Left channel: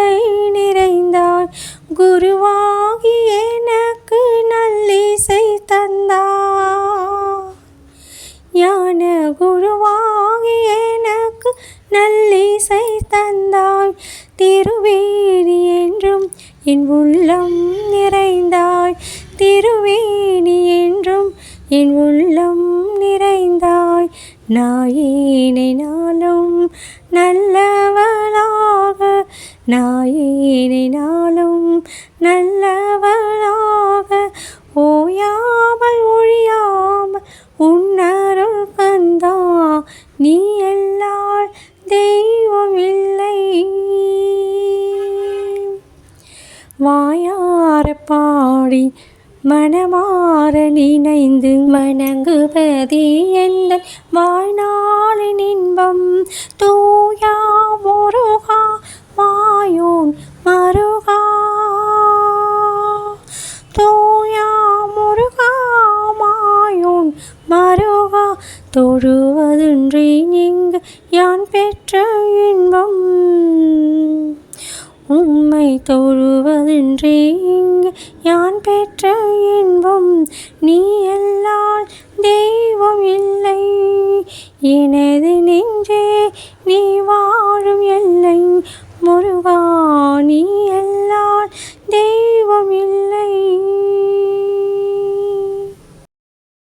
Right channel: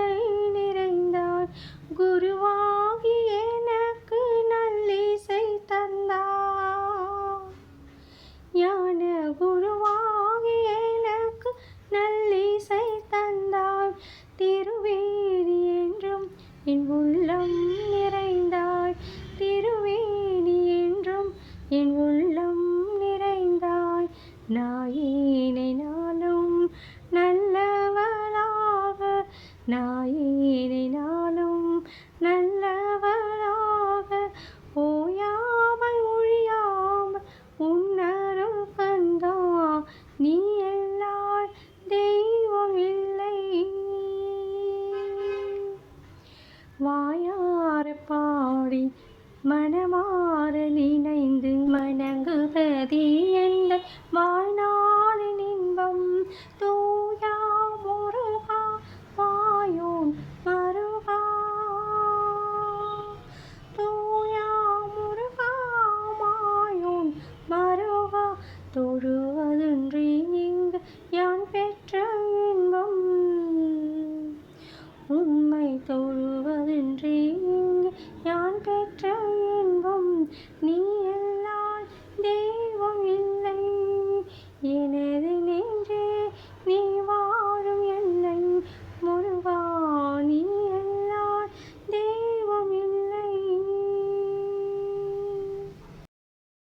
சிந்தை நிறைந்தாய். குருவாகி எனக்கு நல்லிசை தந்தாய். ஞான குருவாகி எனக்கு நல்லிசை தந்தாய். திருவேணி என்றும் என் உள்ளம் நிறைந்தாய். திருவேணி என்றும் என் உள்ளம் நிறைந்தாய். நாயேனை நாளும் நல்லவளாக, நாயேனை நாளும் நல்லவளாக, ஓயாமல் ஒழியாமல் உன்னருள் கந்தா, நீ எல்லால் தெய்வம் இல்லை. வாயார பாடி மனமாற நினைந்து வணங்குவதே எந்தன் வாழ்நாளின் இன்பம். தூயா முருகா மாயோன் மருகா, தூயா முருகா மாயோன் மருகா, தொழுவதின்றி இங்கு யான் பெற்ற இன்பம். உம்மை தொழுவதின்றி இங்கு யான் பெற்ற இன்பம். நீ எல்லால் தெய்வம் இல்லை. எனது நெஞ்சே நீ வாழும் எல்லை முருகா.